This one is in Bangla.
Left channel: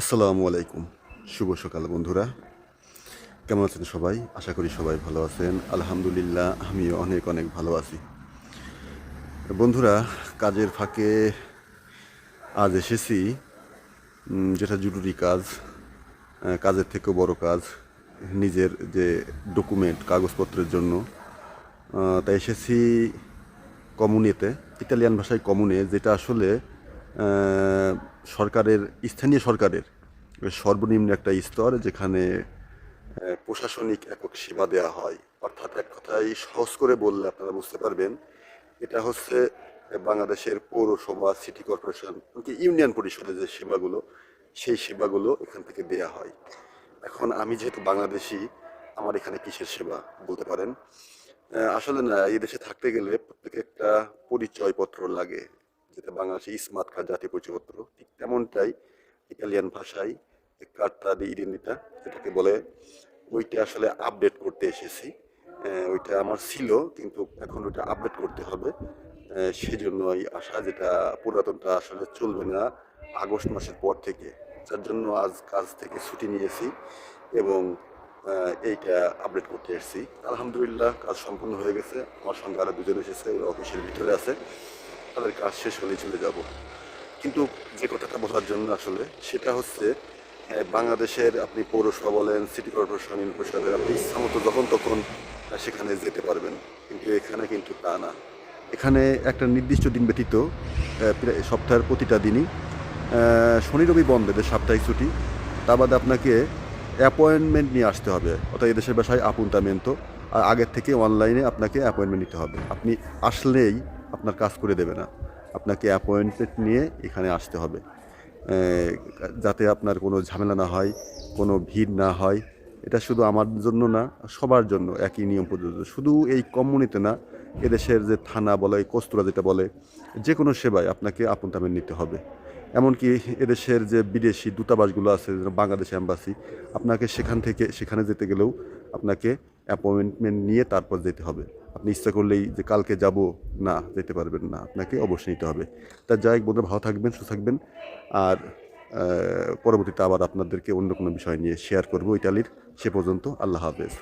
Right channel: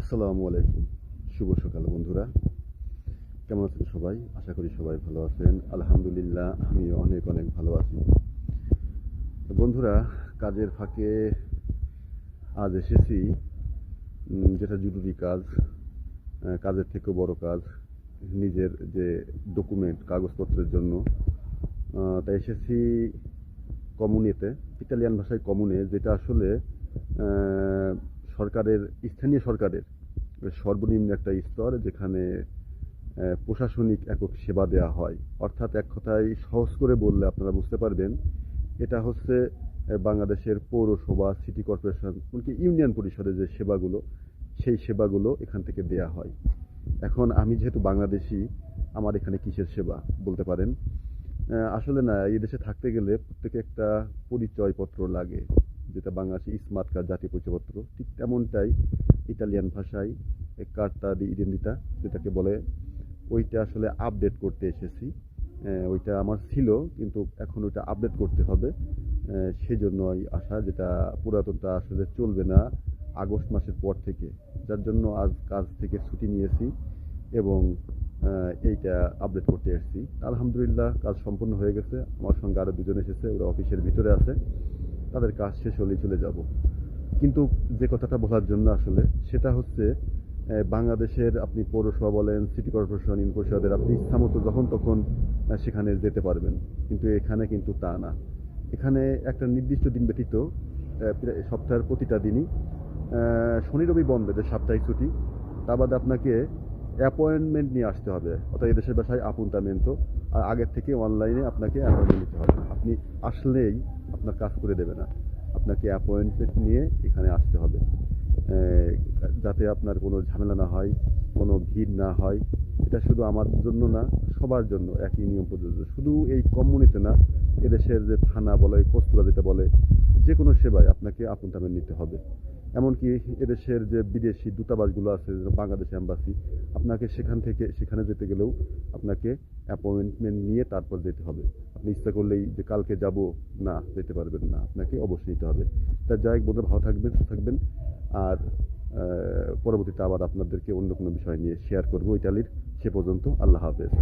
আসসালামু আলাইকুম। শুভ সকাল বন্ধুরা। কেমন আছেন সবাই? আশা করি সবাই ভালো আছেন। আলহামদুলিল্লাহ আমিও অনেক অনেক ভালো আছি। বন্ধুরা, কাজের ফাঁকে আজ এসেছি যেটা জরুরি কাজ, কাজের থেকেও বড় কাজ, নিজের যে ডকুমেন্ট কাগজপত্রের জন্য। তাই এসেছি কমুনেতে, ইতালিয়ান ভাষায় কমুনে, যেটা আসলে সরকারের, স্থানীয় সরকারের সর্বনিম্ন একটা স্তর, যেখানে প্রশাসনিক একক সেবা দেওয়া হয়। অর্থাৎ এক কথায় সহজ করে বললে আপনারা বুঝতে পারবেন, এটা হচ্ছে বাংলাদেশের পৌরসভা, সিটি কর্পোরেশন, এমনকি ইউনিয়ন পরিষদের যে সেবাগুলো, সেই সেবাগুলো এখান থেকে দেয়া হয়। এখন আমি যেহেতু বাংলাদেশি, আমার এখানে কিসের সেবা বলতে পারেন? আসলে না, এই দেশে থাকতে গেলে প্রত্যেকে একটা পরিচয়পত্র লাগে, যেটা বাংলাদেশে স্মার্ট কার্ড, জাতীয় পরিচয়পত্র। ঠিক তেমনটাই ইতালিয়ান ভাষায় কার্তা দি ইডেন্টিতা যেটাকে বলে, ওইটা আসলে আপডেট করতে এসেছি। ওইটা আমার ছিল, কিন্তু এখন ওইটা আপডেট করতে হবে। সেজন্যই আসা, যেটা পুরাতনটা আসলে চলবে না আগস্ট মাসের পর থেকে। যার জন্য আজ কাজ থেকে ছুটি নিয়েছি এবং এইটা আপডেট করতে এসেছি। আলহামদুলিল্লাহ কাজ সম্পূর্ণ হয়ে গেছে। আমার সঙ্গে আরও দুজন এসেছে, ওরা অফিসের ভিতরে আছে। তাদের কাজ শেষ হলেই চলে যাব। কিন্তু যে কথাটা বলার জন্য আসলে, সেটা হচ্ছে বাংলাদেশের আপনি পৌরসভা বলেন, সিটি কর্পোরেশন, ইউনিয়ন পরিষদের আপনি ইচ্ছামতো যখন তখন সেখানে যেতে পারবেন। কিন্তু এখানে কিন্তু তা না। এখানে একটা নির্দিষ্ট দিন ব্যতীত প্রায় সপ্তাহের প্রতিটা দিনই শনি রবি বন্ধ, এদের সাপ্তাহিক ছুটি। তা বাদে আপনাকে অ্যাপয়েন্টমেন্ট নিয়ে আসতে হবে, অর্থাৎ এদেশের ভাষায় আপুন্তামেন্তো। আর আগের থেকে অনলাইনে আপনাকে অ্যাপয়েন্টমেন্ট নিতে হবে। আপনি আসলেই আপনার কাজ করে দেবে না, আপনাকে অ্যাপয়েন্টমেন্ট নিয়ে এখানে আসতে হবে, যাতে আপনার কোনো ঝামেলা না হয়, কোনো ভিড় না হয়। এটা শুধু আমার জন্য না, সবার জন্য একই নিয়ম প্রযোজ্য। শুধু এই কমিউনিতে না, এদেশের যে থানা বলে, কস্তুরা যেটা বলে, যে কোনো সেবায় আপনাকে আপনতামেন্ট নিতে হবে। এমনকি এদেশের যে বিদেশি দূতাবাসগুলো আছে, বাংলাদেশ অ্যাম্বাসি, আপনাকে সেখানে যেতে গেলেও আপনাকে অ্যাপয়েন্টমেন্ট নিয়ে তারপর যেতে হবে। আপনি ইচ্ছা করলেই যে কালকে যাব, না, যেতে পারবেন না, আপনাকে অবশ্যই নিতে হবে। তা যাই হোক বন্ধুরা, ভালো থাকবেন, সুস্থ থাকবেন। আর পরবর্তীতে আবার আপনাদেরকে অন্য কোনো বিষয় নিয়ে শেয়ার করবো ইতালির। সে পর্যন্ত আল্লাহ হাফেজ।